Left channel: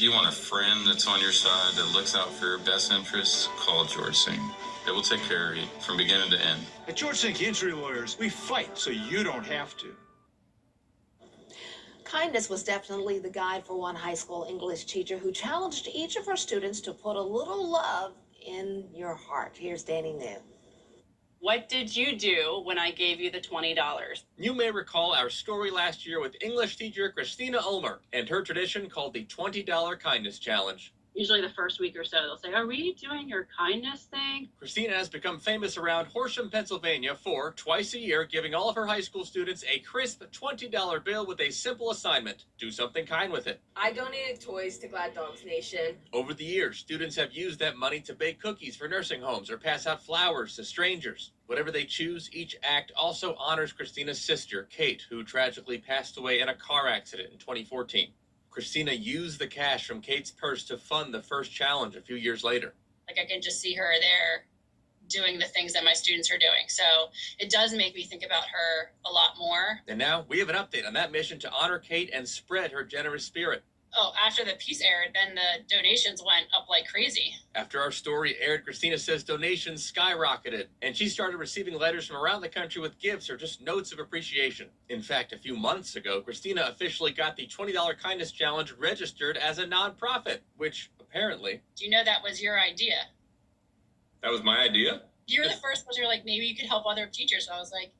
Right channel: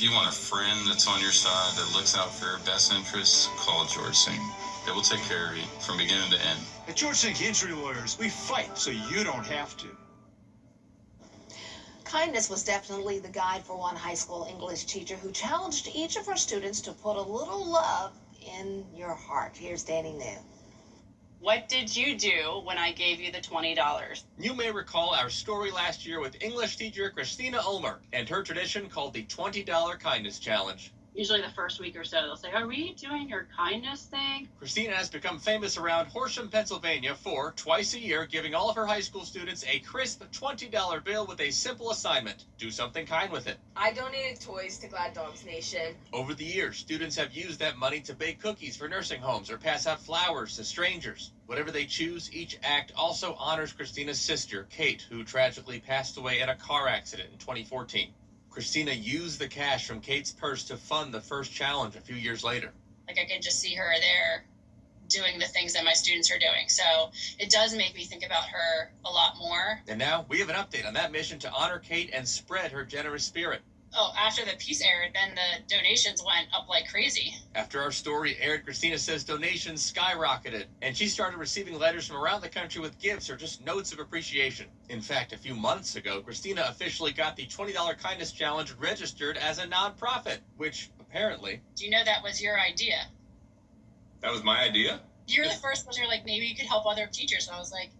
If you want a friend that's on your side that looks out for your best interests, call George Sink. It will take care of you from beginning to end. At George Sink Injury Lawyers, we fight so you don't have to. Kindness was definitely the guide for one high school English teacher who challenged each of her students to put a little love in your heart. Here's Danny New. What did you do when I gave you the $20? You may recall our story last year with English teacher Christina Ulmer and her tradition called the $20 Kindness Challenge. Usually the first week or so, they'll say, are we doing your kindness thing? Christina has become famous around Horsham, Pennsylvania for, twice a year, giving all of her high school students a crisp $20 bill with a simple assignment. Do something kind with it. I donated toys to Glad Dogs Nation. Over the years, students have used that money to bake cookies for nursing homes or pass out flowers to strangers. Whatever they choose, each act also honors Christina's sister, Kate, who tragically passed away in a car accident in 2014. Christina used the cash from Kate's purse to fund the first challenge a few years later. Like, I can just see her there doing the things that my students are doing. So it does make me think about her a lot more. And now we have an update on that mission to honor Kate and spread her generous spirit. Oh, after the piece aired, then the donations went up like crazy. After our story aired, Christina says donations skyrocketed, and she started receiving letters from around the country with gifts or just notes of appreciation. In fact, a few months ago, Christina officially got the $20 Kindness Challenge registered as a nonprofit, which apparently... Do you know that was your idea? That was my idea? You're the first person, like, maybe you could help other teachers. And I was like,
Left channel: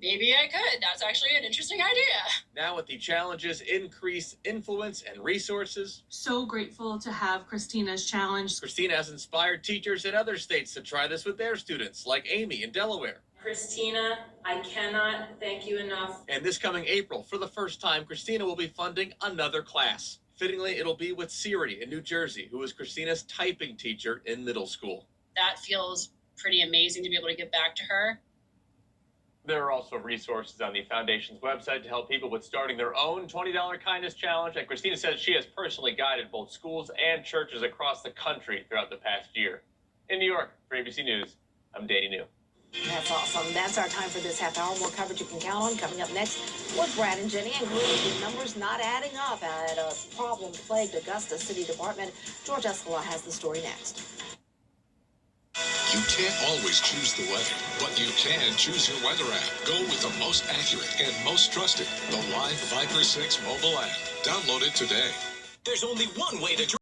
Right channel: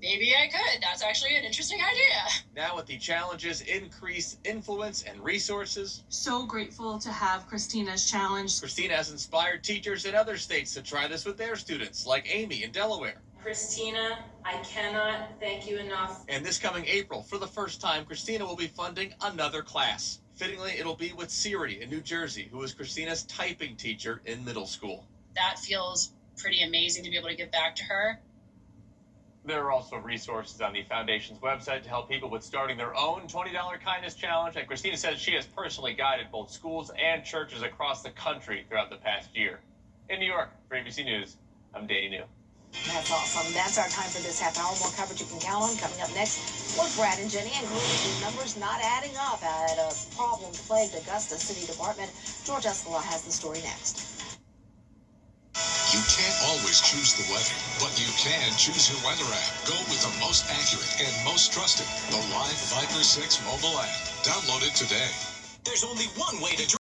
maybe I could. That's actually an interesting idea. Now with the challenge's increased influence and resources, so grateful to have Christina's challenge. Christina has inspired teachers in other states to try this with their students, like Amy in Delaware. Christina, I cannot thank you enough. And this coming April, for the first time, Christina will be funding another class. Fittingly, it'll be with Siri in New Jersey, who is Christina's typing teacher in middle school. That feels pretty amazing to be able to give back to her. There are also resources on the foundation's website to help people with starting their own $20 Kindness Challenge. And Christina says she has personally guided both schools and churches across the country throughout the past year. In New York, for ABC News, I'm Danny New. That's awesome. That's our time for this half hour. More coverage you can count on coming up next with Brad and Jenny, including the numbers not adding up at a problem-plagued Augusta City Department. George Escala has the story next. You can't always choose the weather, but you can choose your weather app. Go with the most accurate and most trusted, the Live Viper 6 mobile app. Download it today. There's only one way to